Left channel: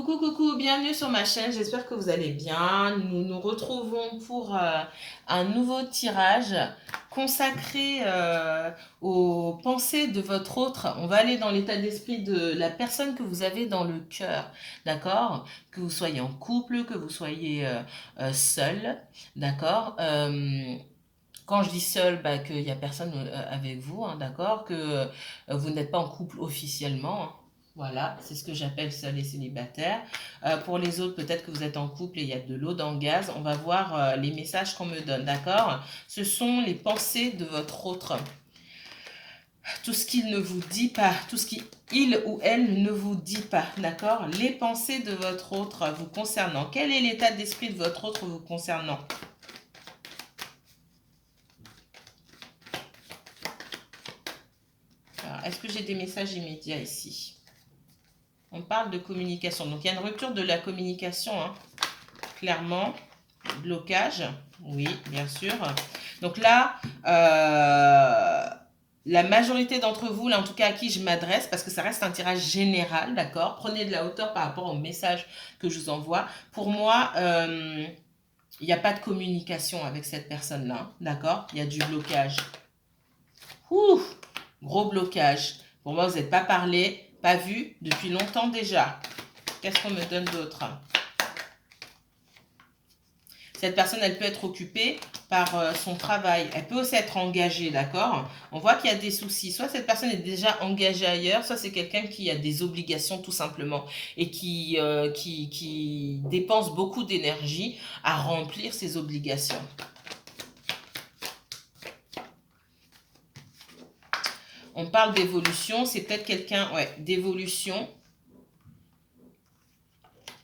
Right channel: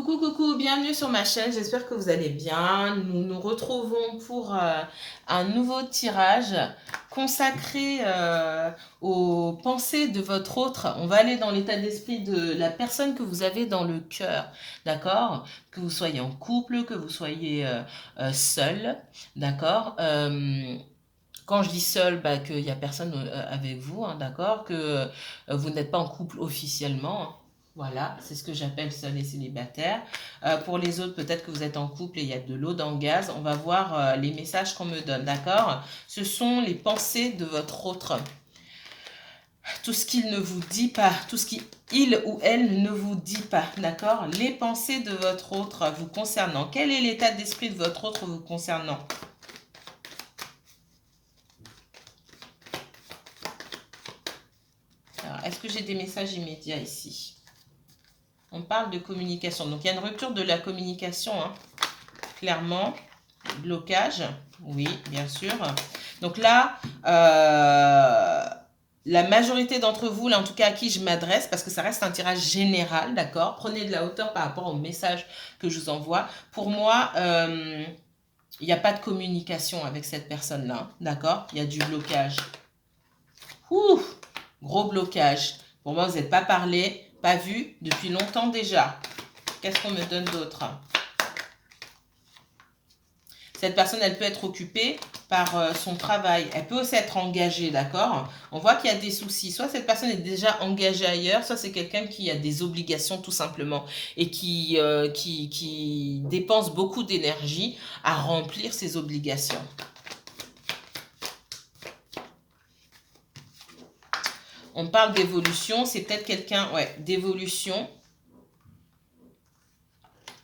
Coucou, coucou, bienvenue sur ma chaîne, j'espère que vous allez bien. Nous nous retrouvons pour un nouveau tirage consacré aux pensées de votre autre. On va aller dans l'état d'esprit de la personne que vous avez dans le cœur, d'accord? Que vous soyez en couple, que vous soyez seul, d'accord? Quand je dis seul, bah, qu'il n'y a personne avec vous, hein, d'accord? Que vous n'êtes pas en couple officiellement, hein. Voilà, c'est ce que j'appelle seul et célibataire. Pour les autres, peut-être que vous êtes en couple et il y a de l'eau dans le gaz. On va voir les messages qu'on me donne, d'accord? Ce sont les pensées de votre autre. Tout ce qu'il ne vous dit pas, tout ce qu'il ou elle ne vous dit pas, d'accord? Les pensées de votre autre vous concernant. Quel est l'état d'esprit de votre autre vous concernant? Alors, est-ce que j'ai des messages immédiats ici? On parle de communication. Donc, il y a une rupture de la communication, hein, clairement. Blocage, oui, bien sûr. Donc là, la majorité d'entre vous, là en tout cas à qui je m'adresse, parce que ça reste un tirage général, d'accord? Prenez de la hauteur par rapport au message que je vous envoie. Pour moi, il n'y a pas de communication avec cette personne-là, d'accord? Il y a du blocage. Ouh, gros blocage. Pour moi, vous n'êtes pas parlé, pas vu depuis longtemps déjà. Qu'est-ce qu'on me donne d'autre? Cette personne, elle peut être occupée par son travail. Elle peut aussi être engagée, d'accord? On voit qu'il y a des soucis. Soit cette personne est déjà engagée ailleurs, soit c'est quelqu'un qui a des obligations tout simplement et qui dépense beaucoup d'énergie à remplir ses obligations. On parle d'évolution, c'est peut-être quelqu'un, ouais, d'évolution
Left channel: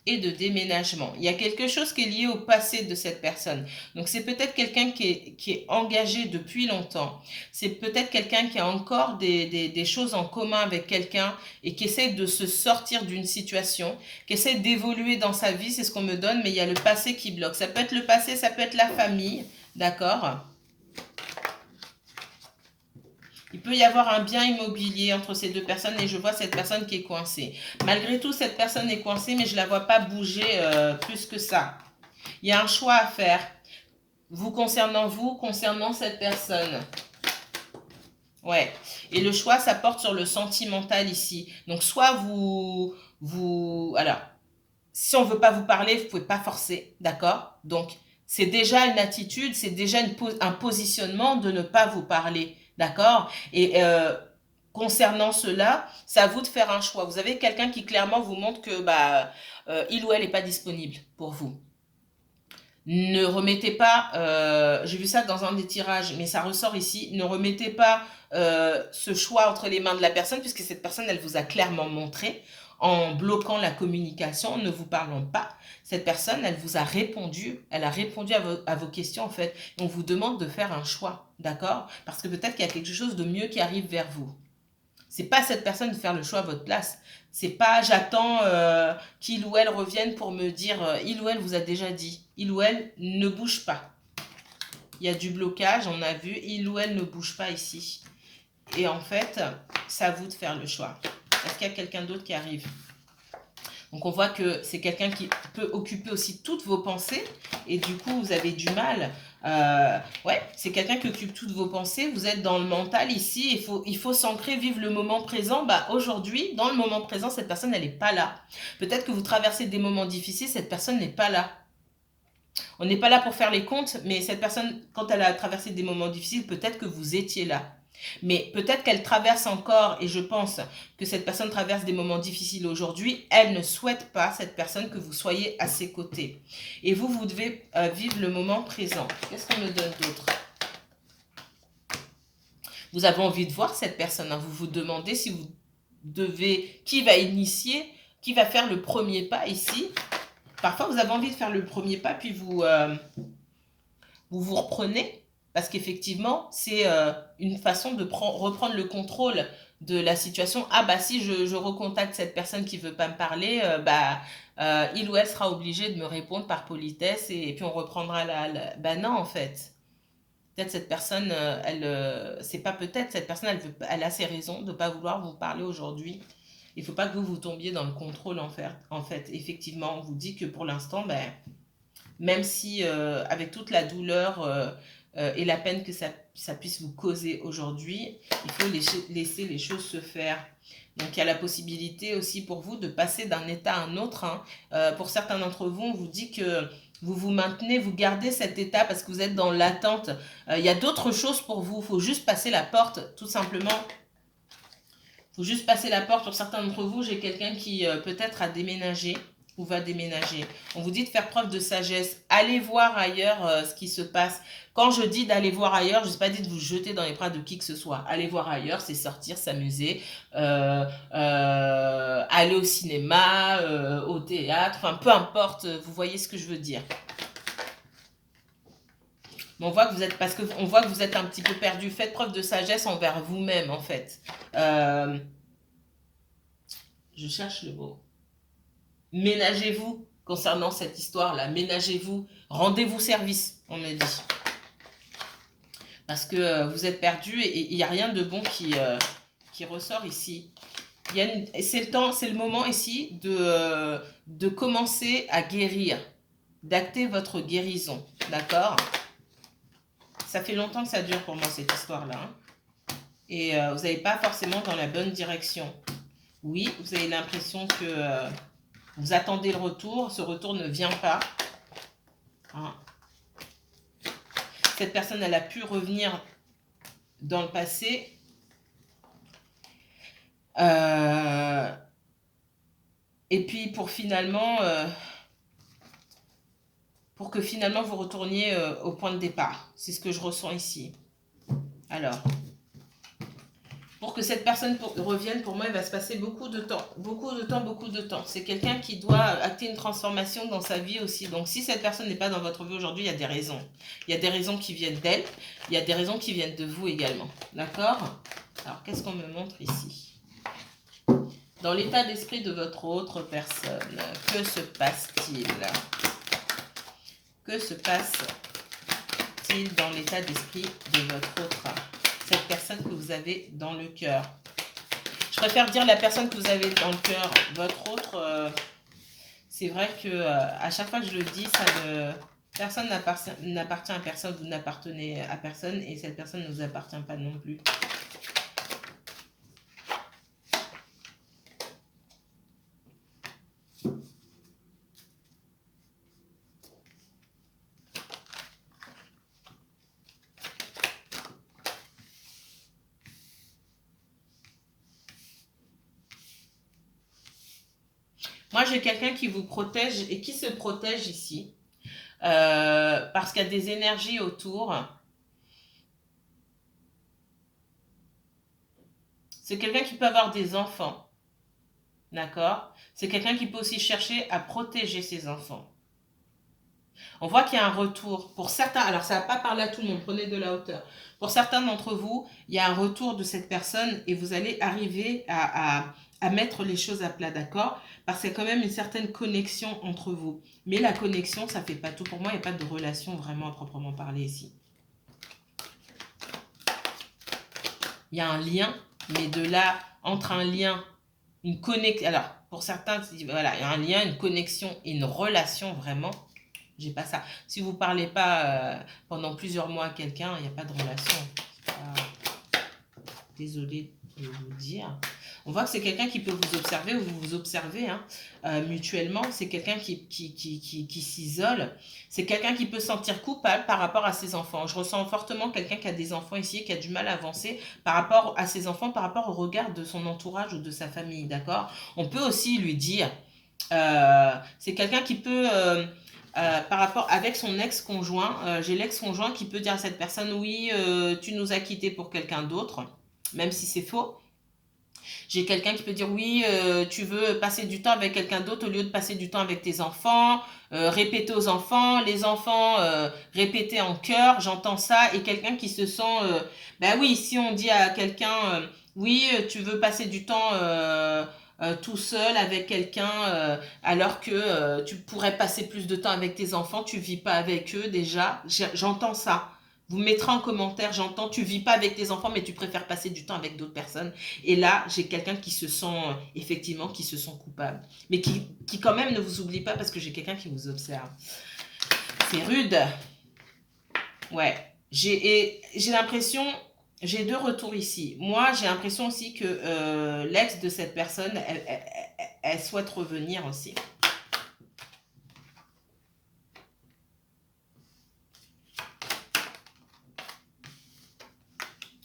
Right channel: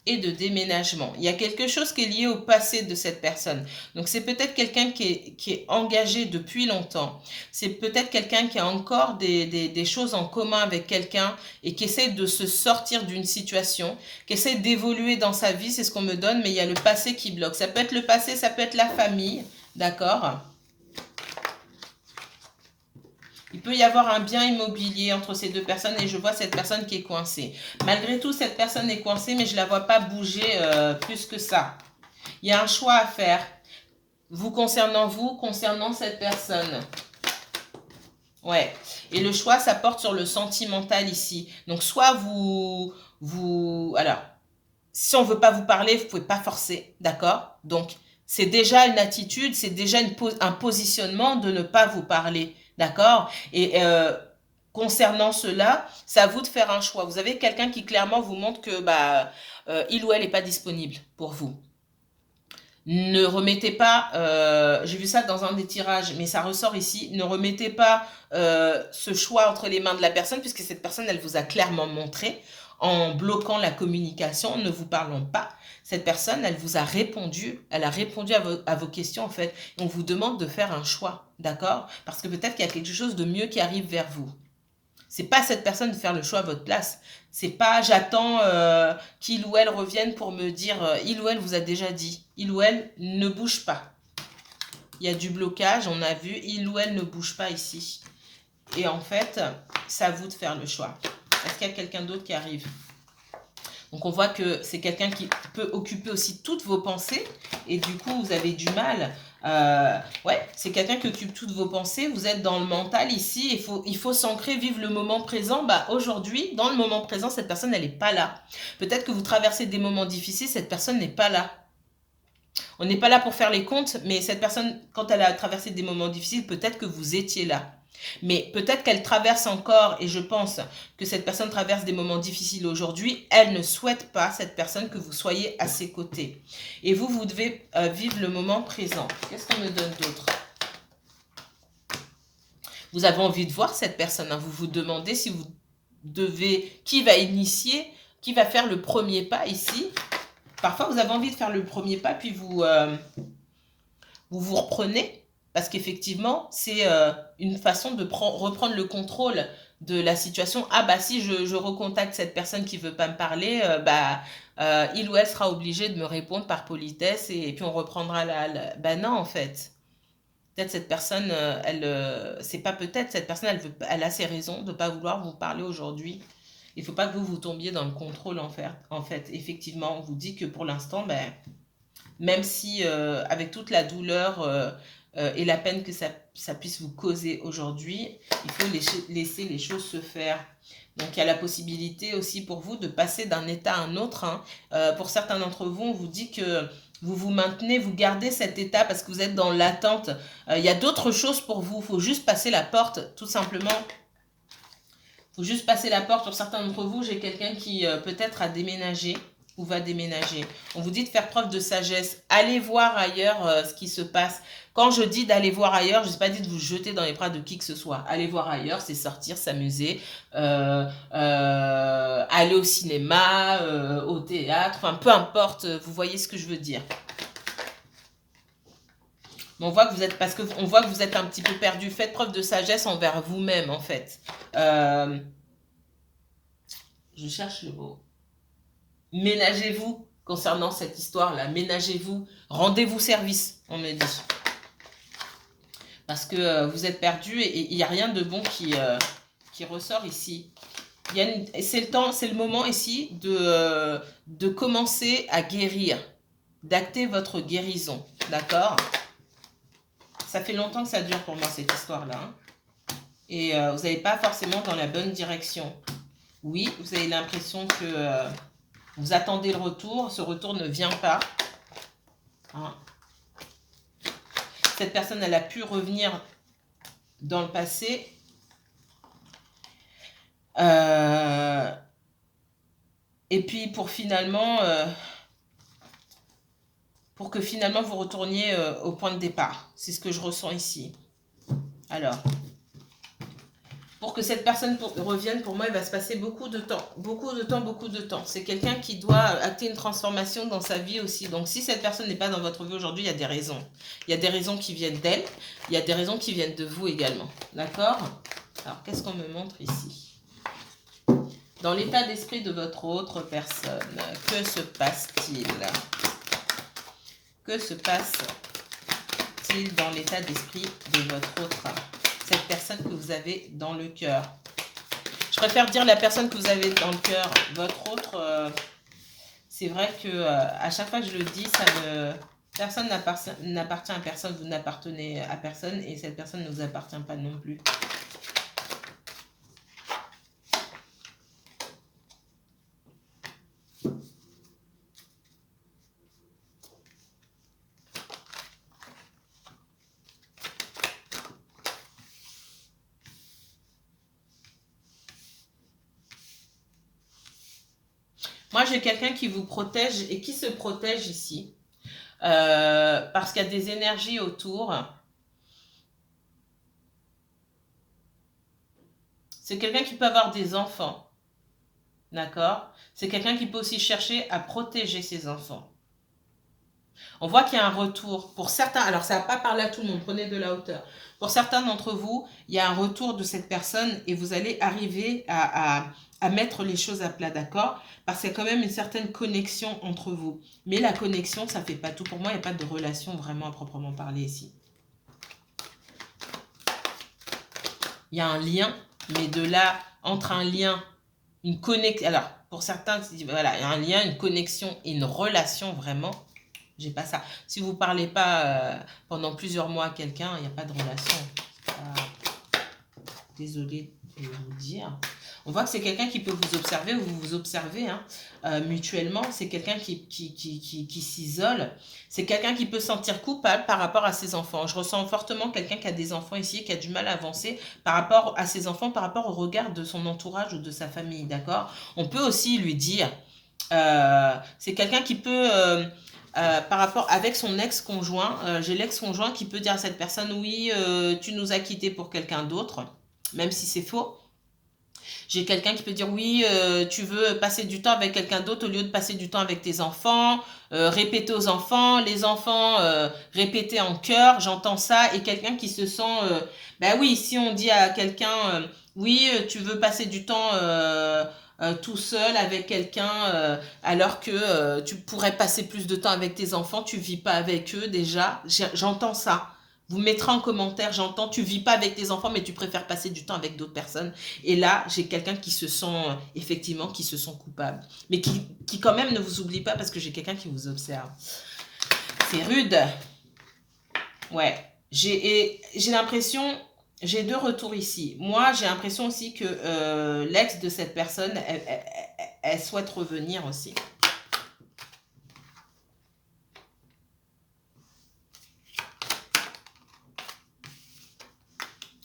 et de déménagement. Il y a quelque chose qui est lié au passé de cette personne. Donc c'est peut-être quelqu'un qui est engagé depuis longtemps. C'est peut-être quelqu'un qui a encore des choses en commun avec quelqu'un et qui essaie de se sortir d'une situation, qui essaie d'évoluer dans sa vie, c'est ce qu'on me donne, mais il y a le passé qui bloque. Ça peut être le passé, ça peut être la famille, d'accord? Il peut y avoir un bien immobilier entre ces deux personnes et je vois cette personne qui est coincée. Malgré tout, cette personne est coincée, mais je ne la vois pas bouger plus que ça. Il y a un choix à faire. Vous, concernant cette personne. Ouais. Et le choix, ça porte sur le sentimental ici. Donc, soit alors, si on ne veut pas vous parler, vous ne pouvez pas forcer, d'accord? Donc, c'est déjà une attitude, c'est déjà un positionnement de ne pas vous parler, d'accord? Et concernant cela, c'est à vous de faire un choix. Vous avez quelqu'un qui clairement vous montre que il ou elle n'est pas disponible pour vous. Ne remettez pas, j'ai vu ça dans un des tirages, mais ça ressort ici, ne remettez pas ce choix entre les mains de la personne, puisque cette personne, elle vous a clairement montré, en bloquant la communication, ne vous parlons pas. Cette personne, elle vous a répondu, elle a répondu à vos questions en fait. Et on vous demande de faire un choix, d'accord? Parce que peut-être qu'il y a quelque chose de mieux qui arrive vers vous. C'est pas cette personne de faire le choix à votre place. C'est pas j'attends qu'il ou elle revienne pour me dire il ou elle vous a déjà dit. Il ou elle ne bouge pas. Il y a du blocage, on a vu. Il ou elle ne bouge pas ici. Et en fait, c'est à vous de faire le choix. Est-ce qu'il y a quelqu'un d'autre qui arrive? Donc on voit que c'est quelqu'un qui peut occuper aussi toutes vos pensées et du coup vous avez du mal. Ouais, c'est quelqu'un qui occupe toutes vos pensées. Vous êtes dans le mental ici. Il faut s'ancrer, vivre le moment présent. Bah, aujourd'hui, dans le moment présent, cette personne, elle n'est pas là. Peut-être que vous traversez des moments difficiles, cette personne n'est pas là. On n'est pas là pour faire les comptes, mais cette personne, quand elle a traversé des moments difficiles, peut-être que vous étiez là. Mais peut-être qu'elle traverse encore, et je pense que cette personne traverse des moments difficiles aujourd'hui, elle ne souhaite pas, cette personne, que vous soyez à ses côtés. Et vous, vous devez vivre le moment présent. Qu'est-ce qu'on me donne d'autre? Vous avez envie de voir cette personne, hein. Vous vous demandez si vous devez, qui va initier, qui va faire le premier pas ici. Parfois, vous avez envie de faire le premier pas, puis vous reprenez, parce qu'effectivement, c'est une façon de reprendre le contrôle de la situation. Ah bah si je recontacte cette personne qui veut pas me parler, il ou elle sera obligé de me répondre par politesse et puis on reprendra Bah non en fait. Peut-être cette personne, c'est pas peut-être, cette personne, elle a ses raisons de ne pas vouloir vous parler aujourd'hui. Il ne faut pas que vous tombiez dans le contrôle en fait. Effectivement, on vous dit que pour l'instant, ben, même si avec toute la douleur et la peine que ça puisse vous causer aujourd'hui, il faut laisser les choses se faire. Donc il y a la possibilité aussi pour vous de passer d'un état à un autre, hein. Pour certains d'entre vous, on vous dit que vous vous maintenez, vous gardez cet état parce que vous êtes dans l'attente. Il y a d'autres choses pour vous, il faut juste passer la porte, tout simplement. Il faut juste passer la porte. Pour certains d'entre vous, j'ai quelqu'un qui peut-être a déménagé ou va déménager. On vous dit de faire preuve de sagesse. Allez voir ailleurs ce qui se passe. Quand je dis d'aller voir ailleurs, je ne sais pas dit de vous jeter dans les bras de qui que ce soit. Aller voir ailleurs, c'est sortir, s'amuser, aller au cinéma, au théâtre, enfin peu importe, vous voyez ce que je veux dire. Mais on voit que vous êtes, parce qu'on voit que vous êtes un petit peu perdu. Faites preuve de sagesse envers vous-même, en fait. Je cherche le mot. Ménagez-vous concernant cette histoire-là. Ménagez-vous. Rendez-vous service, on me dit. Parce que vous êtes perdu et il n'y a rien de bon qui ressort ici. C'est le temps, c'est le moment ici de commencer à guérir. D'acter votre guérison. D'accord ? Ça fait longtemps que ça dure pour moi, cette histoire-là. Hein. Et vous n'allez pas forcément dans la bonne direction. Oui, vous avez l'impression que vous attendez le retour. Ce retour ne vient pas. Hein. Cette personne, elle a pu revenir dans le passé. Et puis, pour que finalement vous retourniez au point de départ. C'est ce que je ressens ici. Alors, pour que cette personne revienne, pour moi, il va se passer beaucoup de temps. Beaucoup de temps, beaucoup de temps. C'est quelqu'un qui doit acter une transformation dans sa vie aussi. Donc, si cette personne n'est pas dans votre vie aujourd'hui, il y a des raisons. Il y a des raisons qui viennent d'elle. Il y a des raisons qui viennent de vous également. D'accord ? Alors, qu'est-ce qu'on me montre ici ? Dans l'état d'esprit de votre autre personne, que se passe-t-il ? Que se passe-t-il dans l'état d'esprit de votre autre, cette personne que vous avez dans le cœur? Je préfère dire la personne que vous avez dans le cœur. Votre autre, c'est vrai que à chaque fois que je le dis, personne n'appartient à personne, vous n'appartenez à personne et cette personne ne vous appartient pas non plus. Moi, j'ai quelqu'un qui vous protège et qui se protège ici. Parce qu'il y a des énergies autour. C'est quelqu'un qui peut avoir des enfants. D'accord ? C'est quelqu'un qui peut aussi chercher à protéger ses enfants. On voit qu'il y a un retour. Pour certains, alors ça ne va pas parler à tout le monde, prenez de la hauteur. Pour certains d'entre vous, il y a un retour de cette personne et vous allez arriver à mettre les choses à plat, d'accord ? Parce qu'il y a quand même une certaine connexion entre vous. Mais la connexion, ça ne fait pas tout. Pour moi, il n'y a pas de relation vraiment à proprement parler ici. Il y a un lien, mais de là, entre un lien, une connexion... Alors, pour certains, voilà, il y a un lien, une connexion et une relation vraiment... J'ai pas ça. Si vous ne parlez pas pendant plusieurs mois à quelqu'un, il n'y a pas de relation. Désolée de vous dire. On voit que c'est quelqu'un qui peut vous observer ou vous observez mutuellement. C'est quelqu'un qui s'isole. C'est quelqu'un qui peut se sentir coupable par rapport à ses enfants. Je ressens fortement quelqu'un qui a des enfants ici, qui a du mal à avancer par rapport à ses enfants, par rapport au regard de son entourage ou de sa famille. D'accord ? On peut aussi lui dire, c'est quelqu'un qui peut... par rapport avec son ex-conjoint, j'ai l'ex-conjoint qui peut dire à cette personne, oui, tu nous as quittés pour quelqu'un d'autre, même si c'est faux. J'ai quelqu'un qui peut dire, oui, tu veux passer du temps avec quelqu'un d'autre au lieu de passer du temps avec tes enfants, répéter aux enfants, les enfants répéter en chœur, j'entends ça, et quelqu'un qui se sent, ben oui, si on dit à quelqu'un, oui, tu veux passer du temps... tout seul avec quelqu'un alors que tu pourrais passer plus de temps avec tes enfants, tu vis pas avec eux déjà. J'entends ça. Vous mettrez en commentaire, j'entends, tu vis pas avec tes enfants, mais tu préfères passer du temps avec d'autres personnes. Et là, j'ai quelqu'un qui se sent, effectivement, qui se sent coupable. Mais qui quand même ne vous oublie pas parce que j'ai quelqu'un qui vous observe. C'est rude. Ouais. J'ai l'impression, j'ai deux retours ici. Moi, j'ai l'impression aussi que l'ex de cette personne, elle souhaite revenir aussi.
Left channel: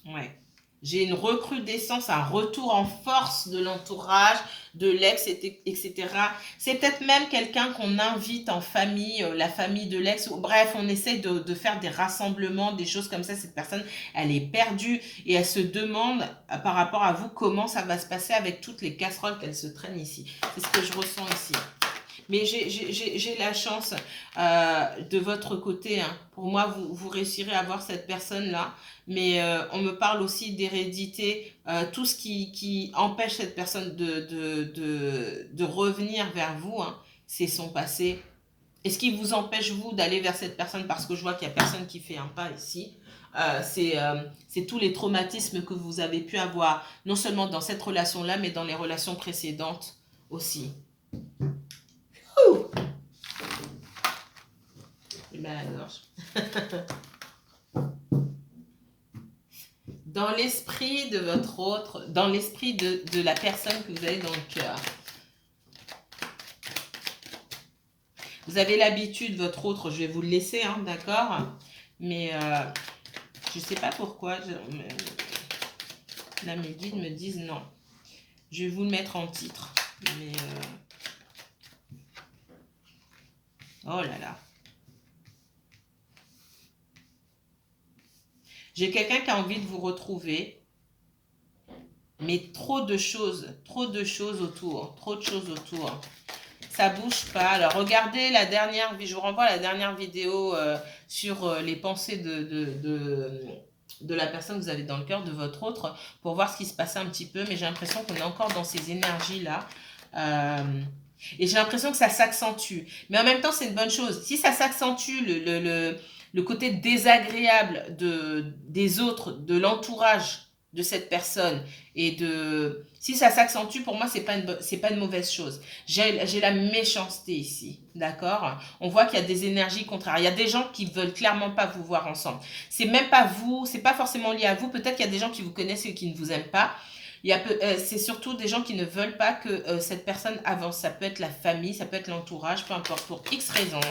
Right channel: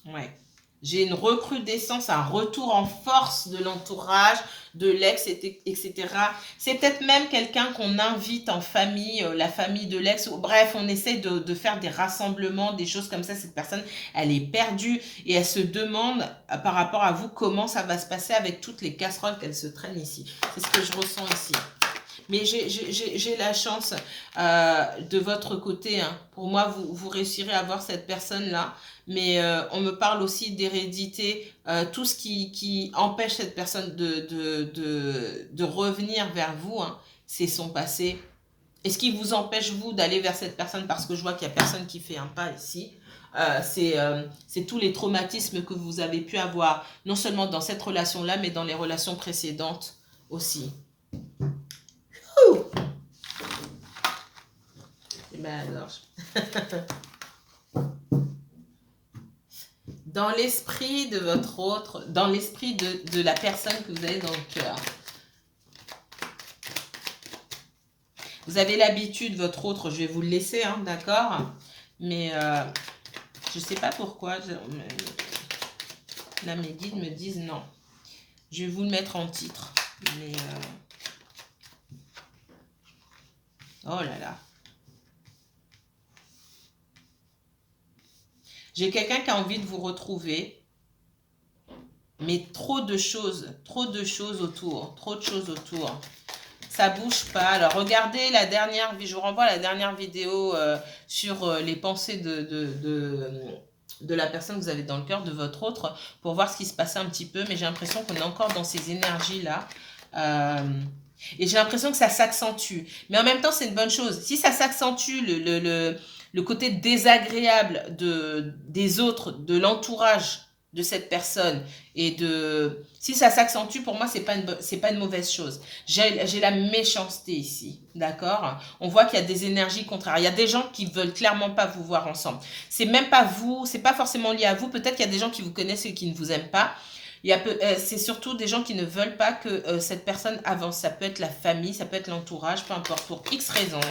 Ouais. J'ai une recrudescence, un retour en force de l'entourage, de l'ex, etc. C'est peut-être même quelqu'un qu'on invite en famille, la famille de l'ex. Bref, on essaie de faire des rassemblements, des choses comme ça. Cette personne, elle est perdue et elle se demande par rapport à vous comment ça va se passer avec toutes les casseroles qu'elle se traîne ici. C'est ce que je ressens ici. Mais j'ai la chance de votre côté. Hein. Pour moi, vous réussirez à avoir cette personne-là. Mais on me parle aussi d'hérédité. Tout ce qui empêche cette personne de revenir vers vous, hein, c'est son passé. Et ce qui vous empêche, vous, d'aller vers cette personne, parce que je vois qu'il n'y a personne qui fait un pas ici, c'est tous les traumatismes que vous avez pu avoir, non seulement dans cette relation-là, mais dans les relations précédentes aussi. Ben alors. Dans l'esprit de votre autre, dans l'esprit de la personne que vous avez dans le cœur. Vous avez l'habitude, votre autre, je vais vous le laisser, hein, d'accord? Mais je ne sais pas pourquoi. Là, mes guides me disent non. Je vais vous le mettre en titre. Mais oh là là. J'ai quelqu'un qui a envie de vous retrouver, mais trop de choses autour, trop de choses autour. Ça bouge pas. Alors regardez la dernière, je vous renvoie à la dernière vidéo sur les pensées de la personne que vous avez dans le cœur, de votre autre, pour voir ce qui se passait un petit peu. Mais j'ai l'impression qu'on est encore dans ces énergies-là. Et j'ai l'impression que ça s'accentue. Mais en même temps, c'est une bonne chose. Si ça s'accentue, le côté désagréable des autres, de l'entourage de cette personne, et si ça s'accentue, pour moi, c'est pas une mauvaise chose. J'ai la méchanceté ici, d'accord? On voit qu'il y a des énergies contraires. Il y a des gens qui veulent clairement pas vous voir ensemble. C'est même pas vous, c'est pas forcément lié à vous. Peut-être qu'il y a des gens qui vous connaissent et qui ne vous aiment pas. C'est surtout des gens qui ne veulent pas que cette personne avance. Ça peut être la famille, ça peut être l'entourage, peu importe, pour X raisons.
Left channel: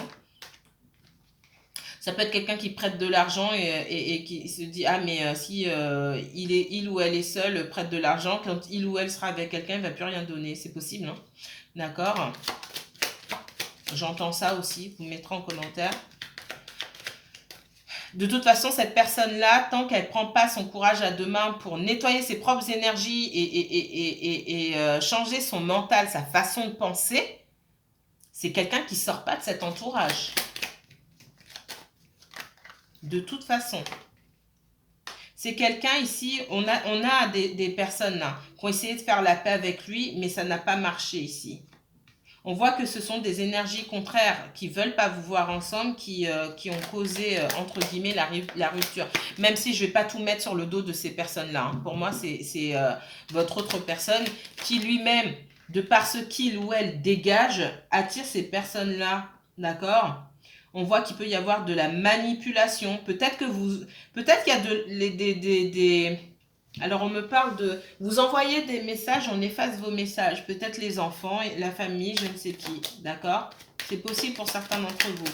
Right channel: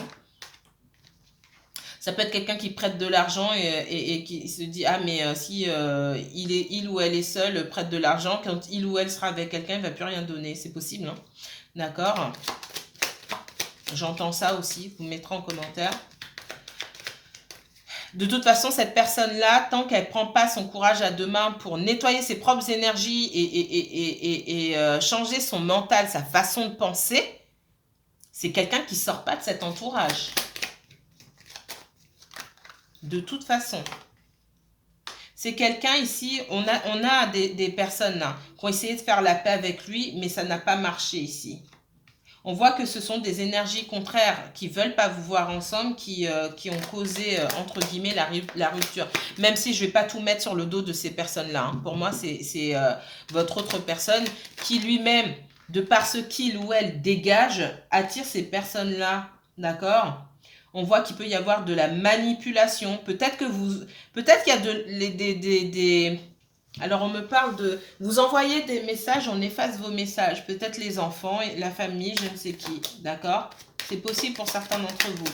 Ça peut être quelqu'un qui prête de l'argent et qui se dit, ah mais si il ou elle est seul, prête de l'argent, quand il ou elle sera avec quelqu'un, il ne va plus rien donner. C'est possible, hein? D'accord? J'entends ça aussi, vous me mettrez en commentaire. De toute façon, cette personne-là, tant qu'elle ne prend pas son courage à deux mains pour nettoyer ses propres énergies et changer son mental, sa façon de penser, c'est quelqu'un qui ne sort pas de cet entourage. De toute façon. C'est quelqu'un ici, on a des personnes là, qui ont essayé de faire la paix avec lui, mais ça n'a pas marché ici. On voit que ce sont des énergies contraires qui ne veulent pas vous voir ensemble, qui ont causé, entre guillemets, la rupture. Même si je ne vais pas tout mettre sur le dos de ces personnes-là. Hein. Pour moi, c'est votre autre personne qui lui-même, de par ce qu'il ou elle dégage, attire ces personnes-là. D'accord ? On voit qu'il peut y avoir de la manipulation. Peut-être qu'il y a alors, on me parle de... Vous envoyez des messages, on efface vos messages. Peut-être les enfants, la famille, je ne sais qui. D'accord? C'est possible pour certains d'entre vous.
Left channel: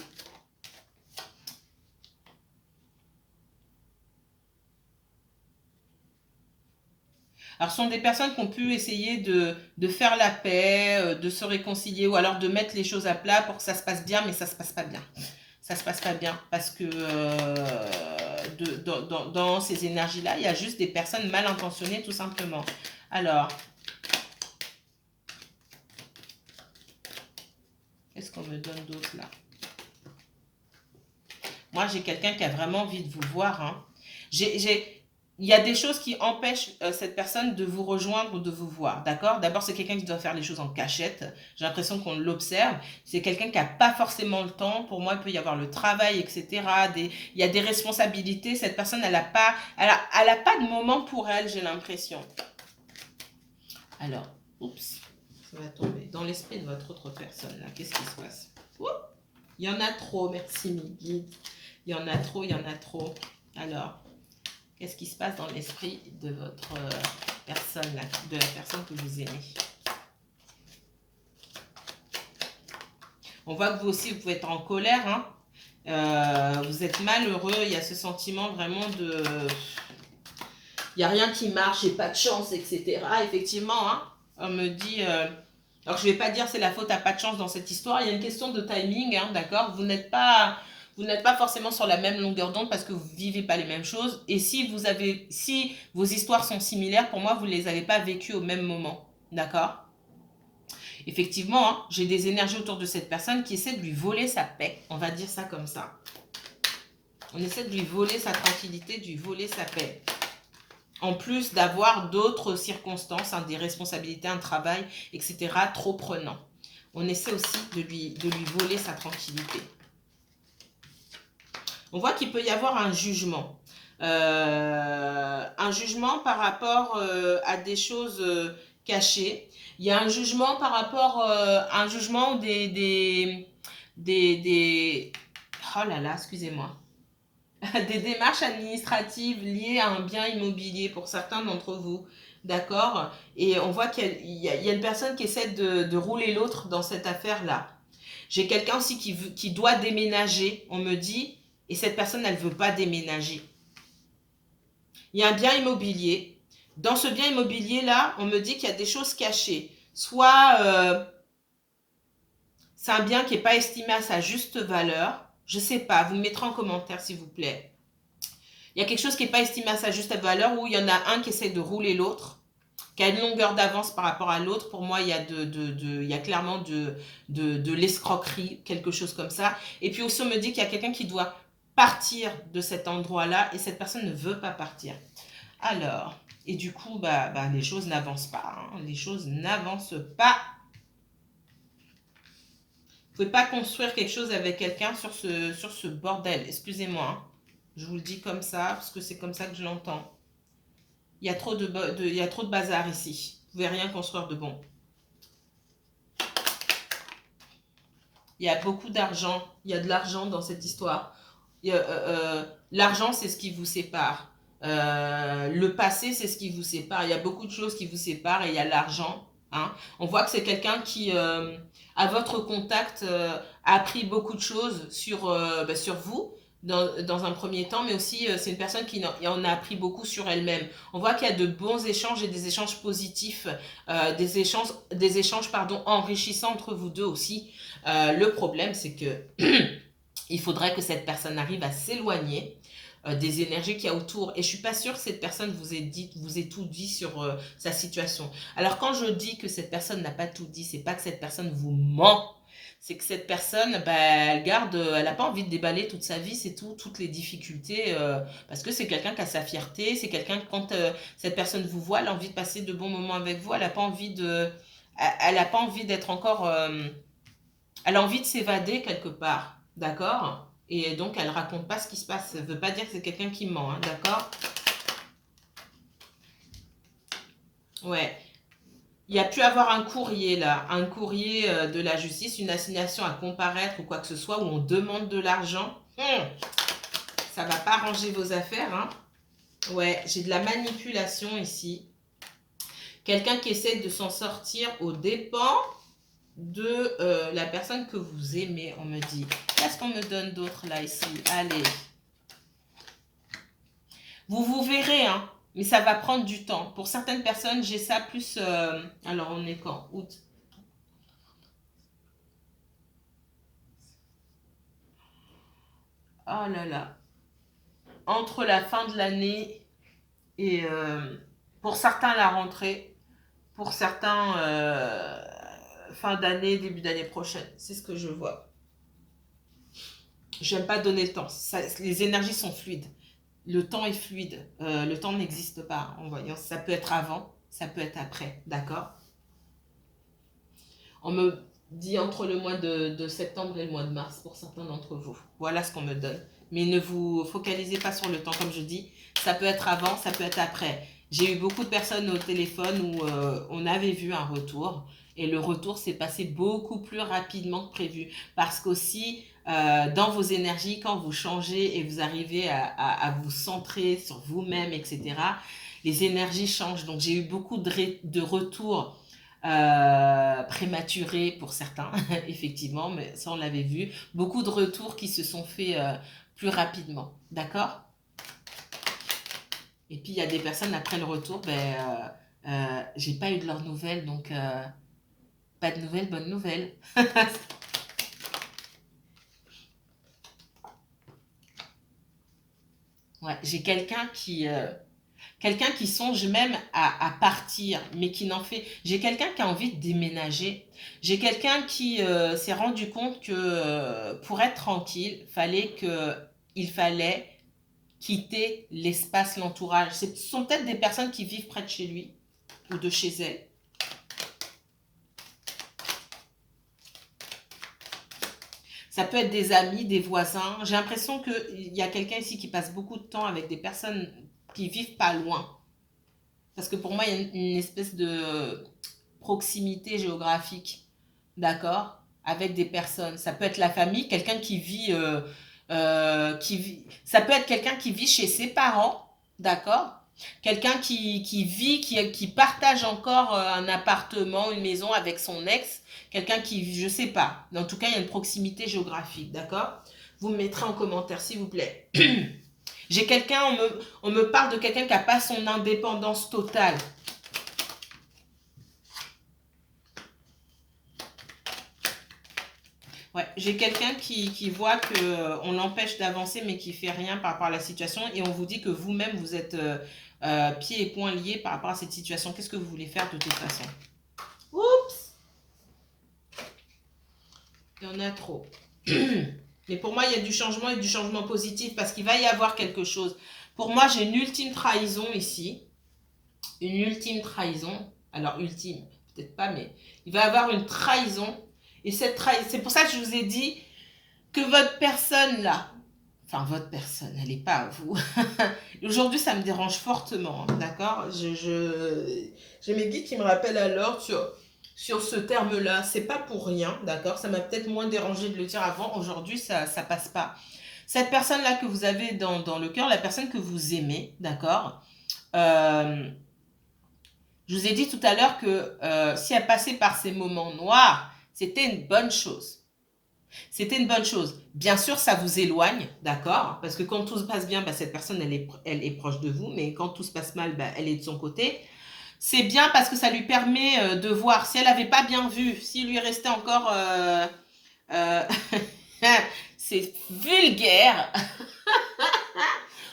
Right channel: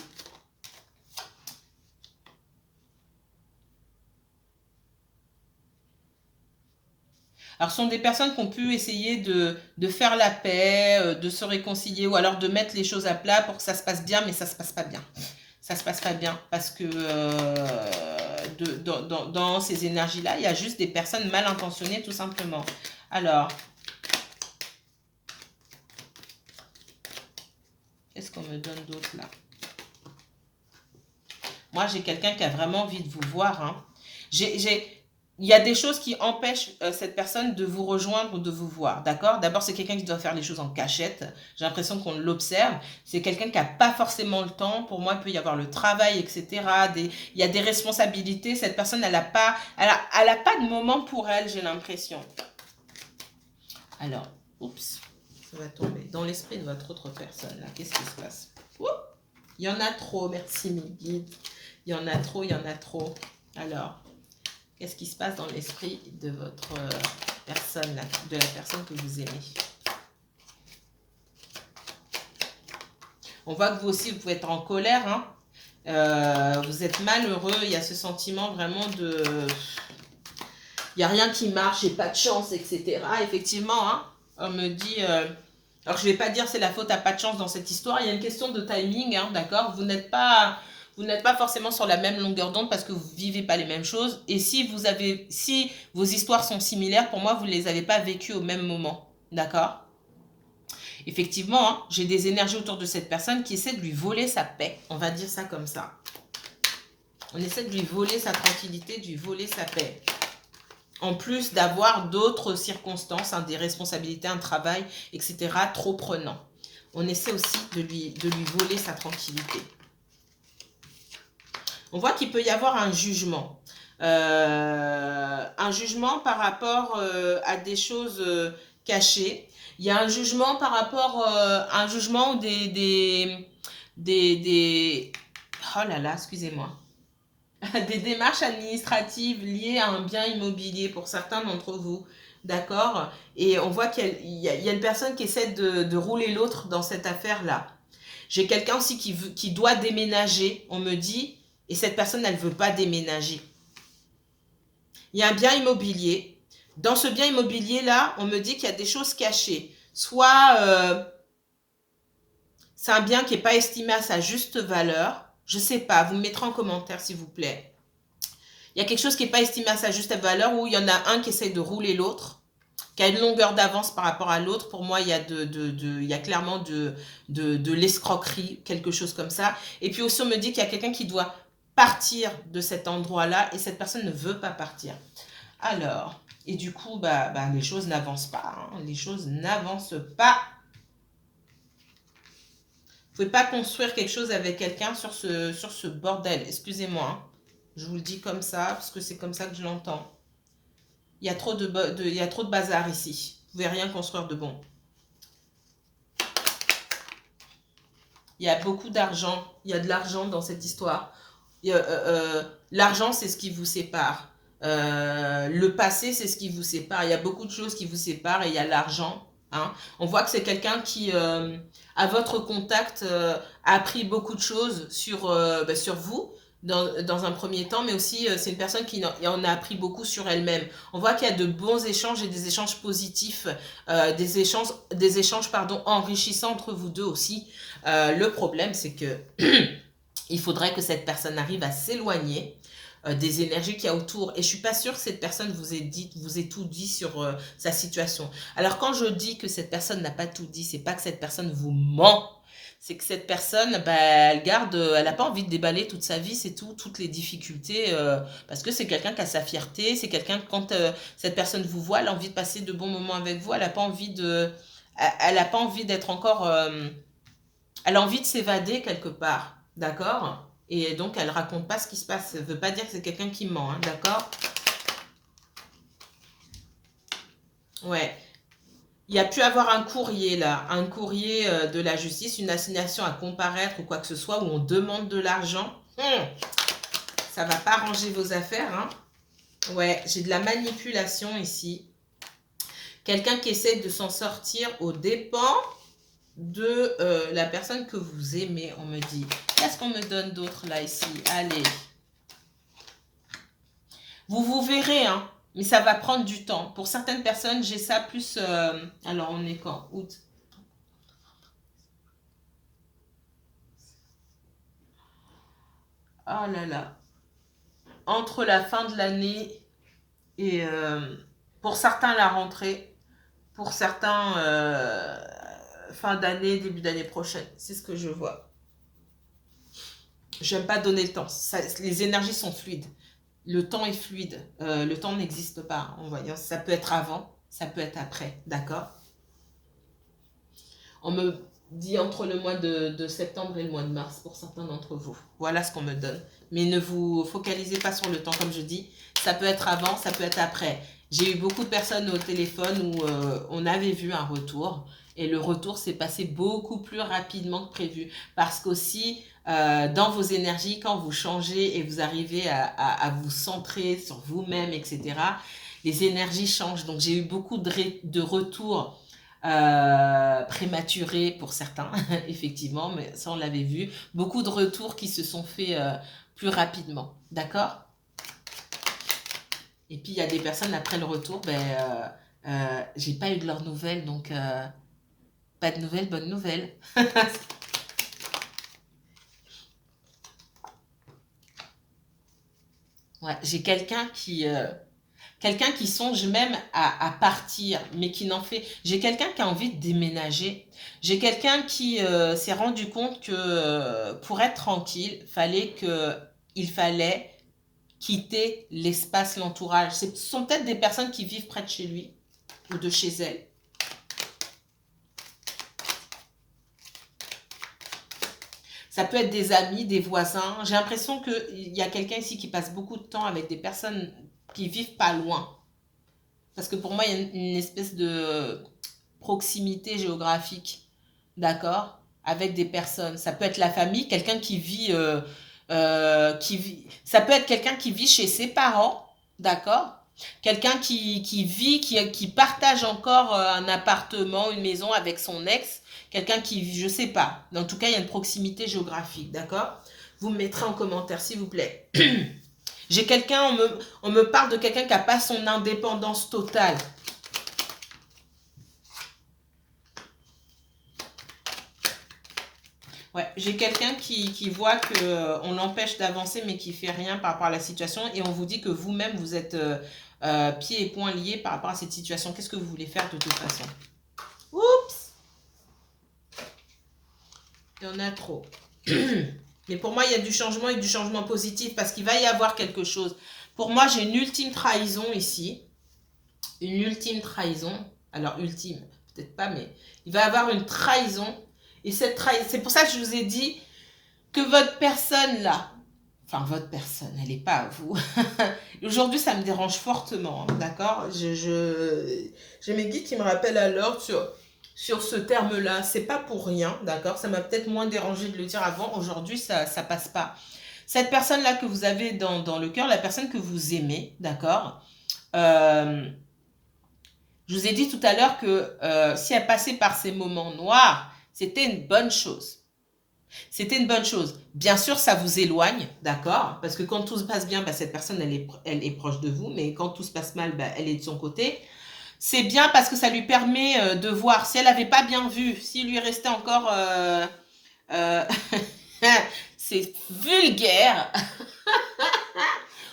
Alors, ce sont des personnes qui ont pu essayer de faire la paix, de se réconcilier, ou alors de mettre les choses à plat pour que ça se passe bien, mais ça ne se passe pas bien. Ça ne se passe pas bien parce que dans ces énergies-là, il y a juste des personnes mal intentionnées tout simplement. Alors, qu'est-ce qu'on me donne d'autre là? Moi, j'ai quelqu'un qui a vraiment envie de vous voir. Hein. il y a des choses qui empêchent cette personne de vous rejoindre ou de vous voir, d'accord? D'abord, c'est quelqu'un qui doit faire les choses en cachette. J'ai l'impression qu'on l'observe. C'est quelqu'un qui n'a pas forcément le temps. Pour moi, il peut y avoir le travail, etc. Il y a des responsabilités. Cette personne, elle a pas de moment pour elle, j'ai l'impression. Alors, oups, ça va tomber. Dans l'esprit de votre autre personne, là, qu'est-ce qui se passe? Ouh, il y en a trop, merci mes guides. Il y en a trop, il y en a trop. Alors, qu'est-ce qui se passe dans l'esprit de votre personne, là, de la personne que vous aimez? On voit que vous aussi, vous pouvez être en colère, hein. Vous êtes malheureux, il y a ce sentiment vraiment de... Il n'y a rien qui marche, j'ai pas de chance, etc. Effectivement, hein, on me dit... alors, je ne vais pas dire c'est la faute à pas de chance dans cette histoire. Il y a une question de timing, hein, d'accord? Vous n'êtes pas forcément sur la même longueur d'onde parce que vous ne vivez pas les mêmes choses. Et si vos histoires sont similaires, pour moi, vous ne les avez pas vécues au même moment, d'accord? Effectivement, hein, j'ai des énergies autour de cette personne qui essaie de lui voler sa paix. On va dire ça comme ça. On essaie de lui voler sa tranquillité, de lui voler sa paix. En plus d'avoir d'autres circonstances, hein, des responsabilités, un travail, etc., trop prenant. On essaie aussi de lui voler sa tranquillité. On voit qu'il peut y avoir un jugement. Un jugement par rapport à des choses cachées. Il y a un jugement par rapport à un jugement ou des... Oh là là, excusez-moi. Des démarches administratives liées à un bien immobilier pour certains d'entre vous. D'accord? Et on voit qu'il y a une personne qui essaie de rouler l'autre dans cette affaire-là. J'ai quelqu'un aussi qui doit déménager, on me dit, et cette personne, elle ne veut pas déménager. Il y a un bien immobilier. Dans ce bien immobilier-là, on me dit qu'il y a des choses cachées. Soit c'est un bien qui n'est pas estimé à sa juste valeur. Je ne sais pas, vous me mettrez en commentaire s'il vous plaît. Il y a quelque chose qui n'est pas estimé à sa juste valeur où il y en a un qui essaie de rouler l'autre, qui a une longueur d'avance par rapport à l'autre. Pour moi, il y a, il y a clairement de l'escroquerie, quelque chose comme ça. Et puis aussi, on me dit qu'il y a quelqu'un qui doit partir de cet endroit-là et cette personne ne veut pas partir. Alors, et du coup, les choses n'avancent pas. Hein. Les choses n'avancent pas. Vous ne pouvez pas construire quelque chose avec quelqu'un sur ce bordel. Excusez-moi. Hein. Je vous le dis comme ça, parce que c'est comme ça que je l'entends. Il y a trop il y a trop de bazar ici. Vous ne pouvez rien construire de bon. Il y a beaucoup d'argent. Il y a de l'argent dans cette histoire. L'argent, c'est ce qui vous sépare. Le passé, c'est ce qui vous sépare. Il y a beaucoup de choses qui vous séparent et il y a l'argent. Hein. On voit que c'est quelqu'un qui, à votre contact, a appris beaucoup de choses sur vous dans un premier temps, mais aussi c'est une personne qui en a appris beaucoup sur elle-même. On voit qu'il y a de bons échanges et des échanges positifs, des échanges pardon, enrichissants entre vous deux aussi. Le problème, c'est que il faudrait que cette personne arrive à s'éloigner des énergies qu'il y a autour. Et je suis pas sûre que cette personne vous ait tout dit sur sa situation. Alors quand je dis que cette personne n'a pas tout dit, c'est pas que cette personne vous ment. C'est que cette personne, elle n'a pas envie de déballer toute sa vie, c'est tout, toutes les difficultés, parce que c'est quelqu'un qui a sa fierté, c'est quelqu'un, quand cette personne vous voit, elle a envie de passer de bons moments avec vous, elle n'a pas envie elle a pas envie d'être encore, elle a envie de s'évader quelque part, d'accord? Et donc, elle raconte pas ce qui se passe. Ça ne veut pas dire que c'est quelqu'un qui ment, hein, d'accord? Ouais. Il y a pu avoir un courrier là, un courrier de la justice, une assignation à comparaître ou quoi que ce soit, où on demande de l'argent. Ça va pas arranger vos affaires, hein? Ouais, j'ai de la manipulation ici. Quelqu'un qui essaie de s'en sortir aux dépens de la personne que vous aimez, on me dit. Qu'est-ce qu'on me donne d'autre là, ici? Allez. Vous verrez, hein, mais ça va prendre du temps. Pour certaines personnes, j'ai ça plus... alors, on est quand? Août. Oh là là. Entre la fin de l'année et... pour certains, la rentrée. Pour certains, fin d'année, début d'année prochaine. C'est ce que je vois. J'aime pas donner le temps. Les énergies sont fluides. le temps est fluide. Le temps n'existe pas en voyance. Ça peut être avant, ça peut être après. D'accord? On me dit entre le mois de septembre et le mois de mars pour certains d'entre vous. Voilà ce qu'on me donne. Mais ne vous focalisez pas sur le temps, comme je dis. Ça peut être avant, ça peut être après. J'ai eu beaucoup de personnes au téléphone où on avait vu un retour. Et le retour s'est passé beaucoup plus rapidement que prévu. Parce qu'aussi, dans vos énergies, quand vous changez et vous arrivez à vous centrer sur vous-même, etc., les énergies changent. Donc j'ai eu beaucoup de retours prématurés pour certains, effectivement, mais ça on l'avait vu. Beaucoup de retours qui se sont faits plus rapidement. D'accord? Et puis il y a des personnes après le retour, j'ai pas eu de leurs nouvelles, donc pas de nouvelles, bonne nouvelle. Ouais, j'ai quelqu'un qui songe même à partir, mais qui n'en fait. J'ai quelqu'un qui a envie de déménager. J'ai quelqu'un qui s'est rendu compte que pour être tranquille, il fallait quitter l'espace, l'entourage. Ce sont peut-être des personnes qui vivent près de chez lui ou de chez elle. Ça peut être des amis, des voisins. J'ai l'impression qu'il y a quelqu'un ici qui passe beaucoup de temps avec des personnes qui vivent pas loin. Parce que pour moi, il y a une espèce de proximité géographique, d'accord, avec des personnes. Ça peut être la famille, quelqu'un ça peut être quelqu'un qui vit chez ses parents, d'accord, quelqu'un qui partage encore un appartement, une maison avec son ex, quelqu'un qui, je sais pas, en tout cas, il y a une proximité géographique, d'accord. Vous me mettrez en commentaire, s'il vous plaît. J'ai quelqu'un, on me parle de quelqu'un qui n'a pas son indépendance totale. Ouais, j'ai quelqu'un qui voit qu'on l'empêche d'avancer mais qui fait rien par rapport à la situation et on vous dit que vous-même vous êtes pieds et poings liés par rapport à cette situation. Qu'est-ce que vous voulez faire de toute façon? Oups! Il y en a trop. Mais pour moi, il y a du changement et du changement positif parce qu'il va y avoir quelque chose. Pour moi, j'ai une ultime trahison ici. Une ultime trahison. Alors, ultime, peut-être pas, mais il va y avoir une trahison. Et cette trahison, c'est pour ça que je vous ai dit que votre personne là, enfin votre personne, elle n'est pas à vous. Aujourd'hui, ça me dérange fortement, hein, d'accord? J'ai mes guides qui me rappellent alors sur ce terme-là. C'est pas pour rien, d'accord? Ça m'a peut-être moins dérangé de le dire avant. Aujourd'hui, ça passe pas. Cette personne-là que vous avez dans le cœur, la personne que vous aimez, d'accord? Euh, je vous ai dit tout à l'heure que si elle passait par ces moments noirs, c'était une bonne chose. C'était une bonne chose. Bien sûr, ça vous éloigne, d'accord? Parce que quand tout se passe bien, cette personne, elle est proche de vous, mais quand tout se passe mal, elle est de son côté. C'est bien parce que ça lui permet de voir. Si elle n'avait pas bien vu, s'il lui restait encore... euh, c'est vulgaire.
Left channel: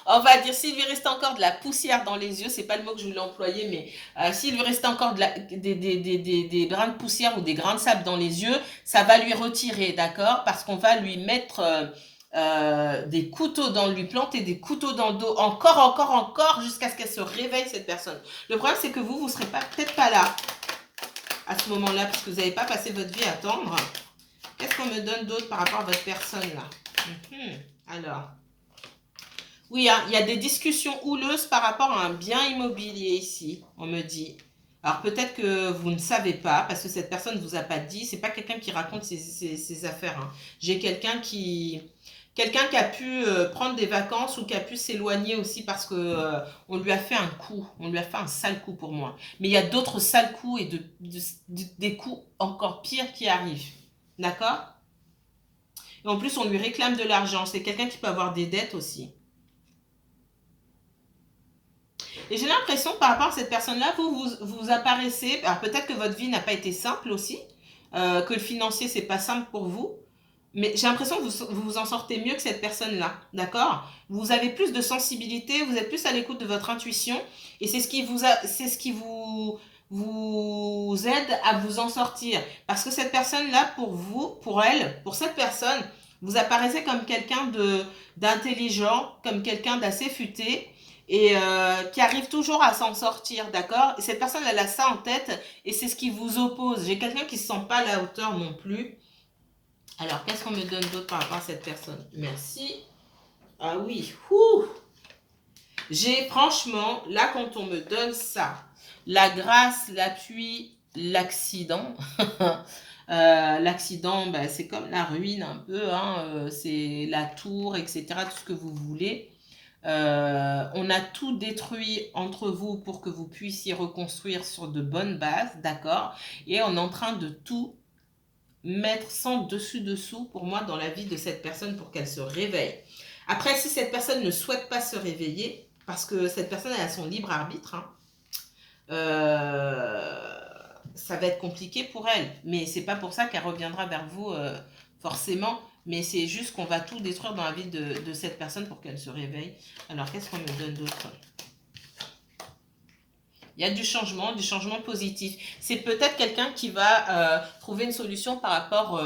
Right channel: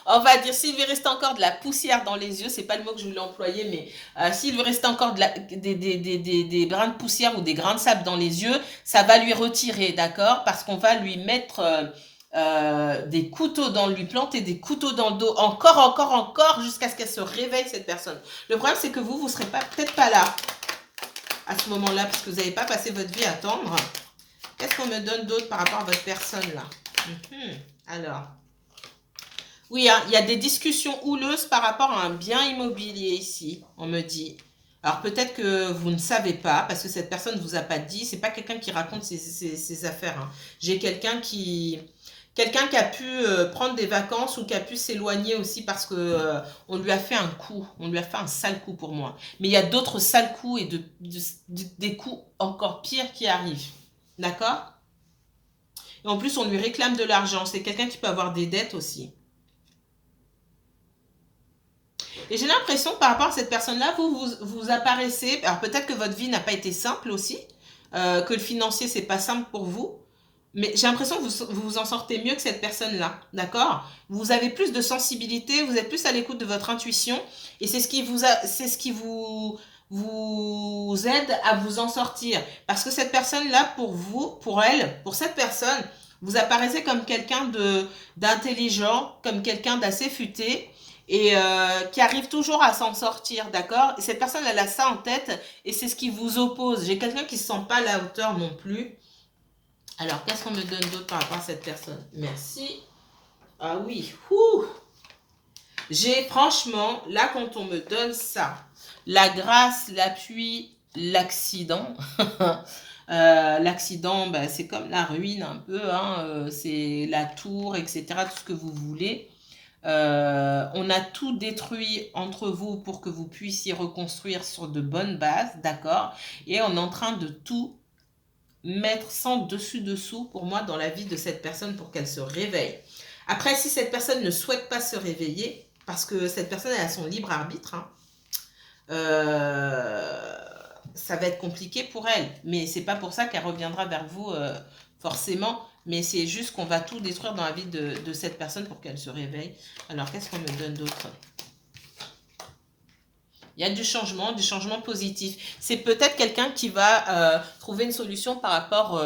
On va dire, s'il lui restait encore de la poussière dans les yeux, c'est pas le mot que je voulais employer, mais s'il lui restait encore des grains de poussière ou des grains de sable dans les yeux, ça va lui retirer, d'accord? Parce qu'on va lui mettre des couteaux lui planter des couteaux dans le dos, encore, jusqu'à ce qu'elle se réveille, cette personne. Le problème, c'est que vous serez peut-être pas là à ce moment-là, parce que vous n'avez pas passé votre vie à attendre. Qu'est-ce qu'on me donne d'autre par rapport à votre personne, là? Alors... Oui, hein, il y a des discussions houleuses par rapport à un bien immobilier ici, on me dit. Alors peut-être que vous ne savez pas, parce que cette personne ne vous a pas dit, c'est pas quelqu'un qui raconte ses affaires, hein. J'ai quelqu'un qui a pu prendre des vacances ou qui a pu s'éloigner aussi parce que on lui a fait un coup, on lui a fait un sale coup pour moi. Mais il y a d'autres sales coups et des coups encore pires qui arrivent. D'accord? Et en plus, on lui réclame de l'argent. C'est quelqu'un qui peut avoir des dettes aussi. Et j'ai l'impression par rapport à cette personne-là, vous apparaissez, alors peut-être que votre vie n'a pas été simple aussi, que le financier, c'est pas simple pour vous, mais j'ai l'impression que vous vous en sortez mieux que cette personne-là, d'accord? Vous avez plus de sensibilité, vous êtes plus à l'écoute de votre intuition, et c'est ce qui vous aide à vous en sortir. Parce que cette personne-là, pour vous, pour elle, pour cette personne, Vous apparaissez comme quelqu'un d'intelligent, comme quelqu'un d'assez futé et qui arrive toujours à s'en sortir, d'accord? Et cette personne, elle a ça en tête et c'est ce qui vous oppose. J'ai quelqu'un qui ne se sent pas à la hauteur non plus. Alors, qu'est-ce qu'on me donne d'autre par rapport à cette personne? Merci. Ah oui, ouh. J'ai franchement, là, quand on me donne ça, la grâce, l'appui, l'accident. L'accident, bah, c'est comme la ruine un peu, hein, c'est la tour, etc., tout ce que vous voulez. On a tout détruit entre vous pour que vous puissiez reconstruire sur de bonnes bases, d'accord? Et on est en train de tout mettre sans dessus-dessous, pour moi, dans la vie de cette personne pour qu'elle se réveille. Après, si cette personne ne souhaite pas se réveiller, parce que cette personne elle a son libre arbitre, hein, ça va être compliqué pour elle. Mais c'est pas pour ça qu'elle reviendra vers vous forcément. Mais c'est juste qu'on va tout détruire dans la vie de cette personne pour qu'elle se réveille. Alors, qu'est-ce qu'on me donne d'autre? Il y a du changement positif. C'est peut-être quelqu'un qui va trouver une solution par rapport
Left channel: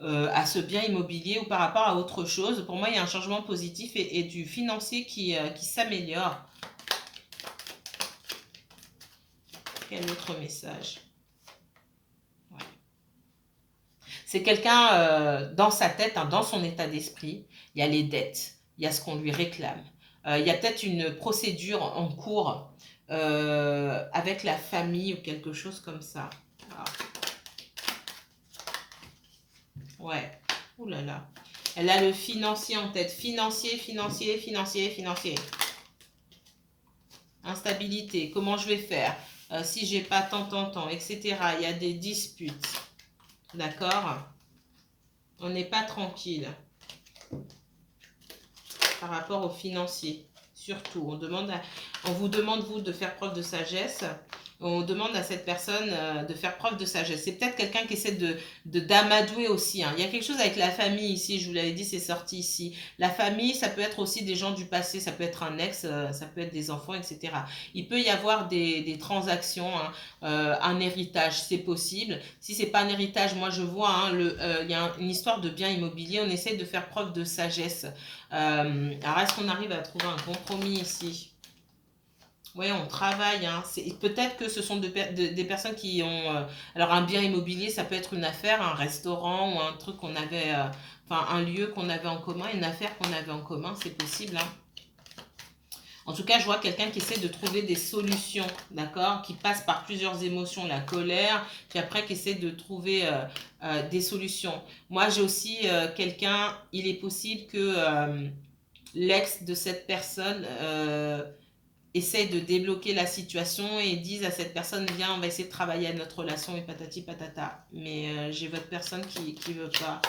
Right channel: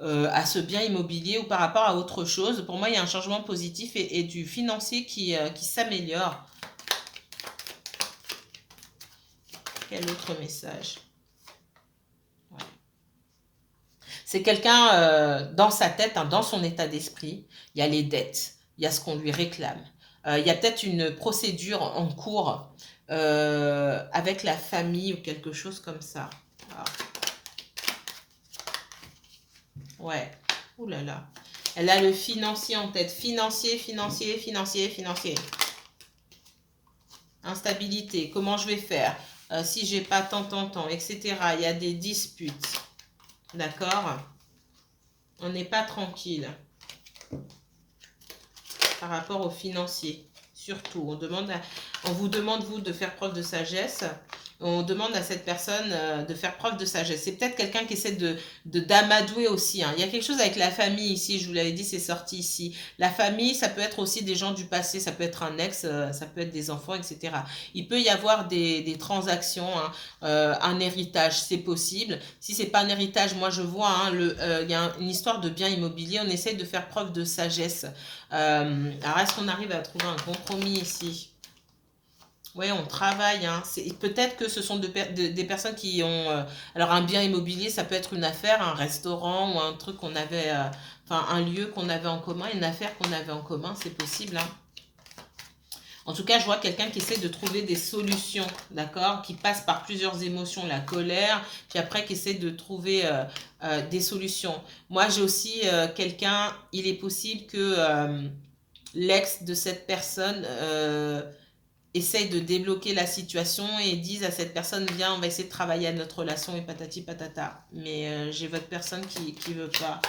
à ce bien immobilier ou par rapport à autre chose. Pour moi, il y a un changement positif et du financier qui s'améliore. Quel autre message? Ouais. C'est quelqu'un dans sa tête, hein, dans son état d'esprit, il y a les dettes, il y a ce qu'on lui réclame. Il y a peut-être une procédure en cours avec la famille ou quelque chose comme ça. Ah. Ouais. Ouh là là. Elle a le financier en tête. Financier. Instabilité. Comment je vais faire si j'ai pas tant, etc. Il y a des disputes. D'accord? On n'est pas tranquille par rapport au financier. Surtout, on vous demande, vous, de faire preuve de sagesse. On demande à cette personne de faire preuve de sagesse. C'est peut-être quelqu'un qui essaie d'amadouer aussi, hein. Il y a quelque chose avec la famille ici, je vous l'avais dit, c'est sorti ici. La famille, ça peut être aussi des gens du passé, ça peut être un ex, ça peut être des enfants, etc. Il peut y avoir des transactions, hein, un héritage, c'est possible. Si c'est pas un héritage, moi je vois, hein, il y a une histoire de bien immobilier, on essaie de faire preuve de sagesse. Alors, est-ce qu'on arrive à trouver un compromis ici? Oui, on travaille, hein. Peut-être que ce sont des personnes qui ont... alors, un bien immobilier, ça peut être une affaire, un restaurant ou un truc qu'on avait... enfin, un lieu qu'on avait en commun, une affaire qu'on avait en commun, c'est possible, hein. En tout cas, je vois quelqu'un qui essaie de trouver des solutions, d'accord? Qui passe par plusieurs émotions, la colère, puis après qui essaie de trouver des solutions. Moi, j'ai aussi quelqu'un, il est possible que l'ex de cette personne essaye de débloquer la situation et dise à cette personne, viens, on va essayer de travailler à notre relation et patati patata. Mais j'ai votre personne qui veut pas.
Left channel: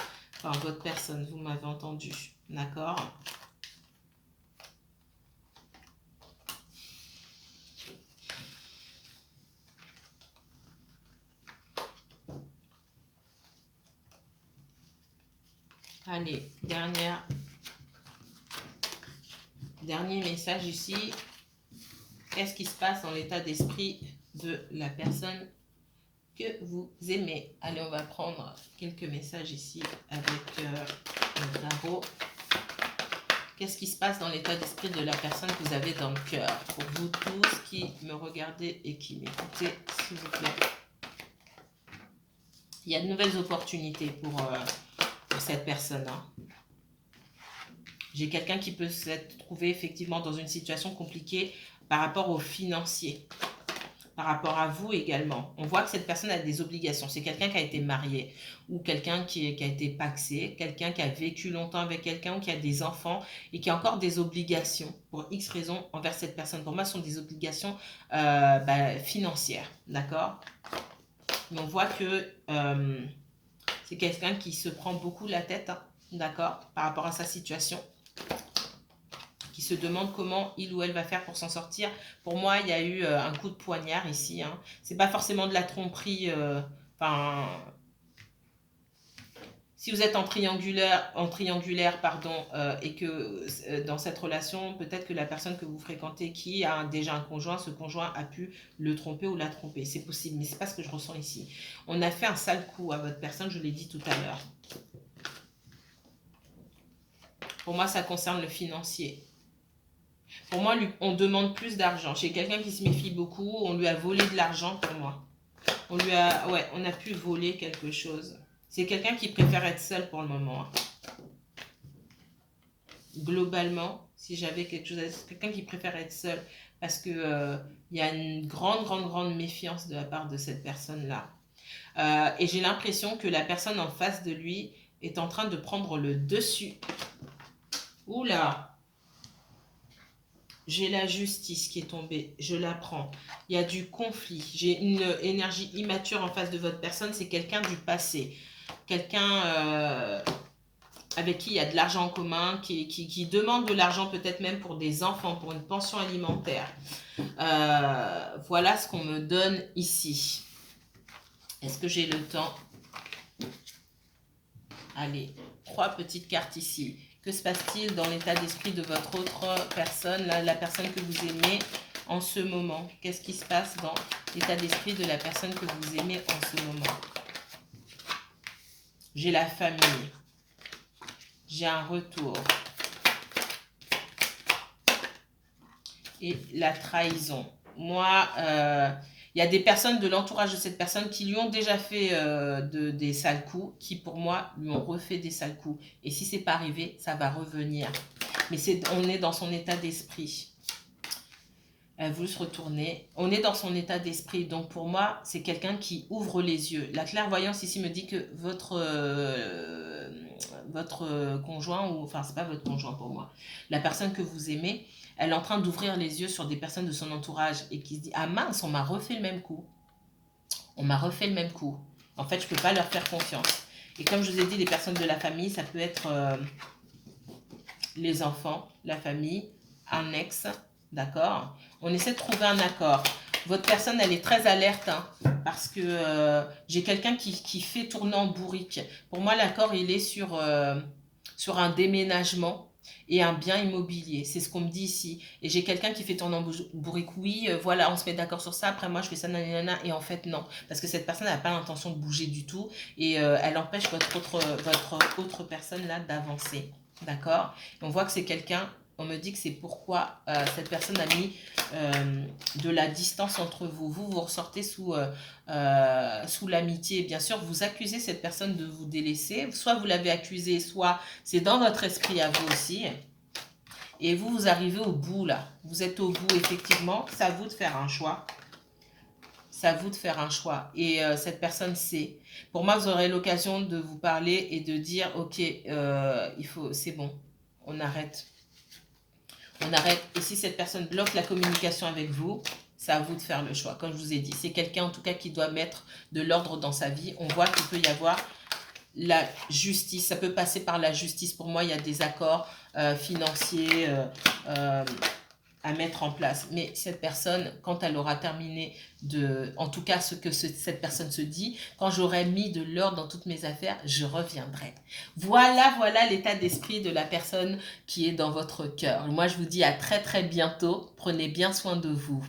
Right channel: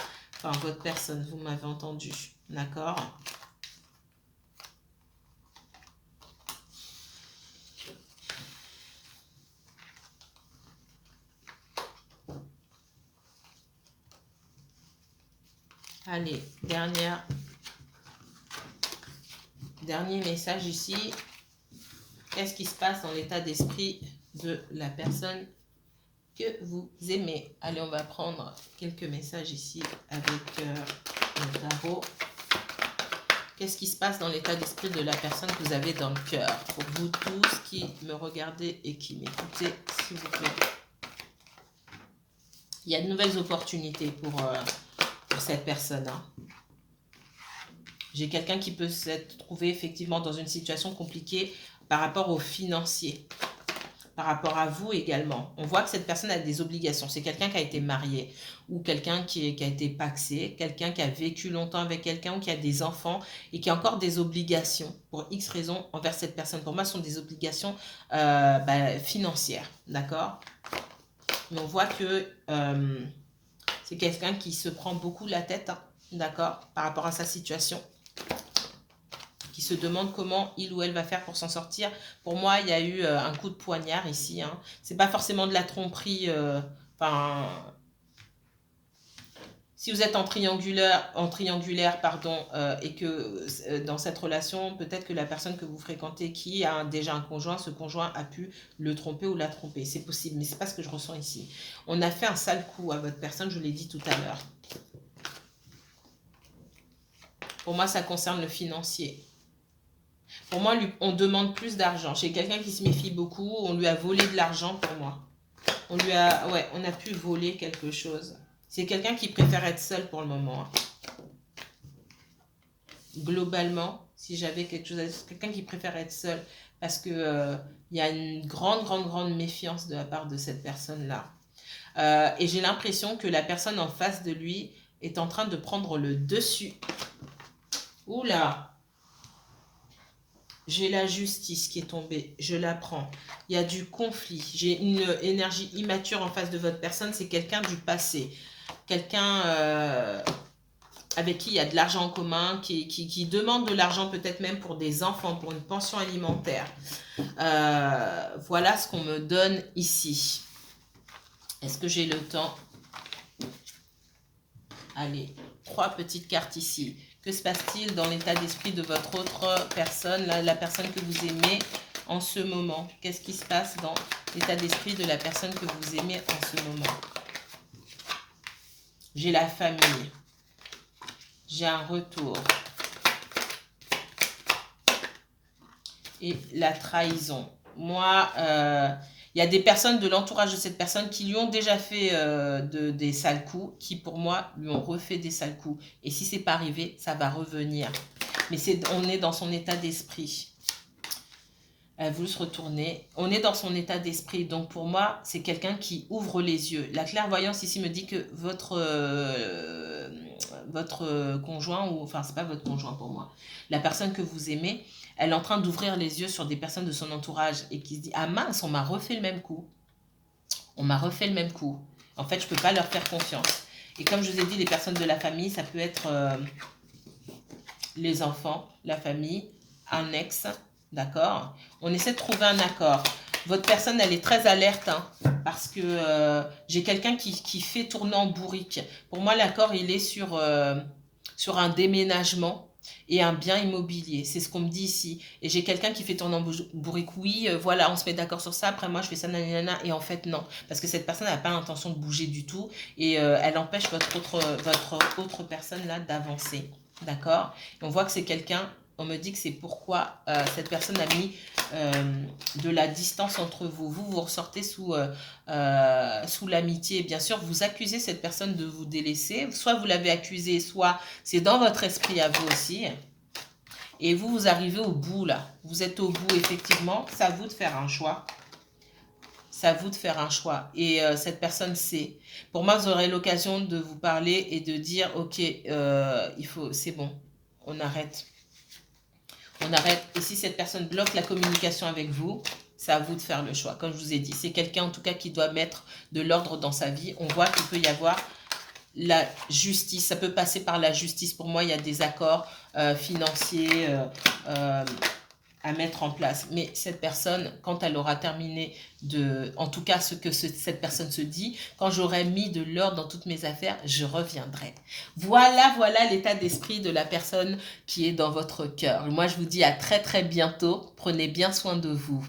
Enfin, votre personne, vous m'avez entendu. D'accord? Allez, dernier message ici. Qu'est-ce qui se passe dans l'état d'esprit de la personne que vous aimez? Allez, on va prendre quelques messages ici avec le tarot. Qu'est-ce qui se passe dans l'état d'esprit de la personne que vous avez dans le cœur? Pour vous tous qui me regardez et qui m'écoutez, s'il vous plaît. Il y a de nouvelles opportunités pour cette personne, hein. J'ai quelqu'un qui peut s'être trouvé effectivement dans une situation compliquée par rapport aux financiers, par rapport à vous également. On voit que cette personne a des obligations. C'est quelqu'un qui a été marié ou quelqu'un qui a été pacsé, quelqu'un qui a vécu longtemps avec quelqu'un ou qui a des enfants et qui a encore des obligations pour X raisons envers cette personne. Pour moi, ce sont des obligations financières, d'accord? Mais on voit que c'est quelqu'un qui se prend beaucoup la tête, hein, d'accord, par rapport à sa situation, qui se demande comment il ou elle va faire pour s'en sortir. Pour moi, il y a eu un coup de poignard ici, hein. C'est pas forcément de la tromperie. Enfin, si vous êtes en triangulaire pardon, et que dans cette relation, peut-être que la personne que vous fréquentez qui a déjà un conjoint, ce conjoint a pu le tromper ou la tromper. C'est possible, mais c'est pas ce que je ressens ici. On a fait un sale coup à votre personne, je vous l'ai dit tout à l'heure. Pour moi, ça concerne le financier. Pour moi, on demande plus d'argent. J'ai quelqu'un qui se méfie beaucoup. On lui a volé de l'argent pour moi. On a pu voler quelque chose. C'est quelqu'un qui préfère être seul pour le moment. Globalement, si j'avais quelque chose à dire, c'est quelqu'un qui préfère être seul parce que il y a une grande méfiance de la part de cette personne-là. Et j'ai l'impression que la personne en face de lui est en train de prendre le dessus. Oula! J'ai la justice qui est tombée, je la prends. Il y a du conflit, j'ai une énergie immature en face de votre personne, c'est quelqu'un du passé. Quelqu'un avec qui il y a de l'argent en commun, qui demande de l'argent peut-être même pour des enfants, pour une pension alimentaire. Voilà ce qu'on me donne ici. Est-ce que j'ai le temps? Allez, 3 petites cartes ici. Que se passe-t-il dans l'état d'esprit de votre autre personne, la personne que vous aimez en ce moment? Qu'est-ce qui se passe dans l'état d'esprit de la personne que vous aimez en ce moment? J'ai la famille. J'ai un retour. Et la trahison. Moi, il y a des personnes de l'entourage de cette personne qui lui ont déjà fait des sales coups, qui pour moi lui ont refait des sales coups. Et si c'est pas arrivé, ça va revenir. Mais on est dans son état d'esprit. Elle veut se retourner. On est dans son état d'esprit. Donc pour moi, c'est quelqu'un qui ouvre les yeux. La clairvoyance ici me dit que votre conjoint, ou enfin c'est pas votre conjoint pour moi, la personne que vous aimez, elle est en train d'ouvrir les yeux sur des personnes de son entourage et qui se dit, ah mince, on m'a refait le même coup. On m'a refait le même coup. En fait, je ne peux pas leur faire confiance. Et comme je vous ai dit, les personnes de la famille, ça peut être les enfants, la famille, un ex, d'accord? On essaie de trouver un accord. Votre personne, elle est très alerte, hein, parce que j'ai quelqu'un qui fait tourner en bourrique. Pour moi, l'accord, il est sur un déménagement et un bien immobilier. C'est ce qu'on me dit ici. Et j'ai quelqu'un qui fait tourner en bourrique. Oui, voilà, on se met d'accord sur ça. Après, moi, je fais ça, nanana. Et en fait, non. Parce que cette personne n'a pas l'intention de bouger du tout. Et elle empêche votre autre personne, là, d'avancer. D'accord? On voit que c'est quelqu'un... On me dit que c'est pourquoi cette personne a mis de la distance entre vous. Vous ressortez sous l'amitié. Bien sûr, vous accusez cette personne de vous délaisser. Soit vous l'avez accusé, soit c'est dans votre esprit à vous aussi. Et vous arrivez au bout là. Vous êtes au bout, effectivement. C'est à vous de faire un choix. C'est à vous de faire un choix. Et cette personne sait. Pour moi, vous aurez l'occasion de vous parler et de dire, ok, c'est bon, on arrête. On arrête. Et si cette personne bloque la communication avec vous, c'est à vous de faire le choix. Comme je vous ai dit, c'est quelqu'un en tout cas qui doit mettre de l'ordre dans sa vie. On voit qu'il peut y avoir la justice. Ça peut passer par la justice. Pour moi, il y a des accords financiers à mettre en place. Mais cette personne, quand elle aura terminé en tout cas ce que cette personne se dit, quand j'aurai mis de l'ordre dans toutes mes affaires, je reviendrai. Voilà l'état d'esprit de la personne qui est dans votre cœur. Moi, je vous dis à très bientôt. Prenez bien soin de vous.